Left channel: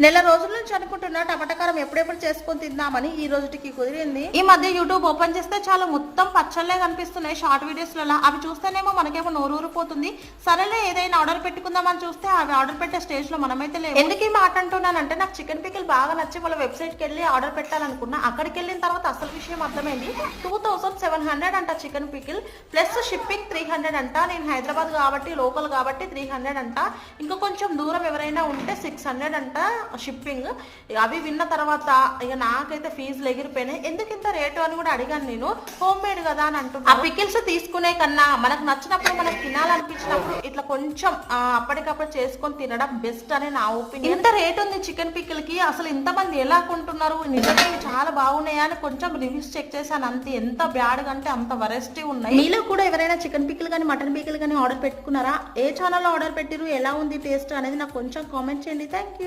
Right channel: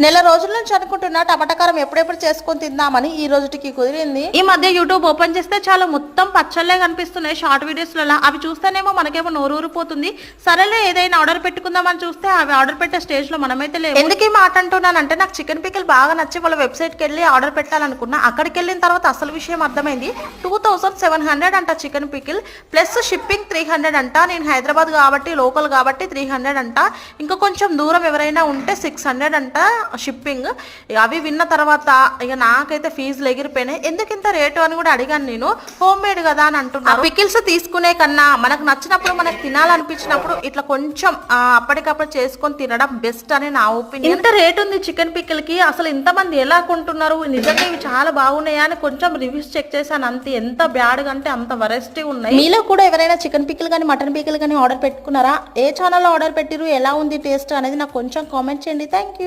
నెల రోజుల నుంచి అనుకుంటున్నా టమాటా కారం ఎప్పుడెప్పుడు చేసుకొని తిందామని ఈ రోజుకి కుదిరింది. ఈ మధ్య యూట్యూబ్ ఓపెన్ చేస్తే చాలా మొత్తం పచ్చళ్ళే కనిపిస్తున్నాయి షార్ట్ వీడియోస్లలో. అవి చూస్తేనేమో మనకేమో నోరూరిపోతుంది. సరేలే ఏదైనా ఆర్డర్ పెట్టుకుందామని చూస్తే అవి ఆర్డర్ పెట్టే స్టేజ్ లో మనమైతే లేవు. ఎందుకు ఈ మాట అంటున్నానంటే నాకు చికెన్ పికిల్ బాగా నచ్చి వాళ్ళ వెబ్సైట్కి వెళ్ళి ఆర్డర్ పెట్టాలనుకున్నా. అక్కడికి వెళ్ళిన తర్వాత అసలు విషయం అర్థమైంది. 2700 అంట చికెన్ పికిల్ ప్లస్ షిప్పింగ్ 300 అంట. నేను హైదరాబాద్ కాబట్టి లోకల్ కాబట్టి 300 అంట. ఇంకా కొంచెం దూరం ఎవరైనా ఉంటే 600 అంట షిప్పింగ్. అవి విన్న తర్వాత ఇక నాకైతే ఫీజులు ఎగిరిపోయినాయి. ఎందుకు ఇంత రేటు అని కూడా అడిగాను నేను. హోమ్ మేడ్ కదా అని అంటున్నారు. పికిల్స్ తీసుకునే కన్నా మనకు నచ్చినప్పుడు మనకు తినాలనిపించినప్పుడు ఇట్లా కొంచెం అప్పటికప్పుడు చేసుకొని తినడం బెస్ట్ అని నా ఒపీనియన్. ఇంత రేట్ ఉంది చికెన్ పికిల్ కి, అసలు ఇంతమంది ఎలా కొంటున్నారు, నిజంగా ఇవి చాలా బాగున్నాయా అని కొంచెం రివ్యూస్ చెక్ చేశాను అంతే. ఎంత బ్యాడ్ గా అంటే అంత వరెస్టీ ఉన్నాయి. మీలో కూడా ఎవరైనా చికెన్ పికిల్ కానీ మటన్ పికిల్ కానీ ఆర్డర్ పెట్టుకున్నారా? ఏ ఛానల్లో ఆర్డర్ పెట్టిరు, ఎలా ఉంది టేస్ట్ అనేది నాకు కొంచెం కామెంట్ చేయండి. Thank you.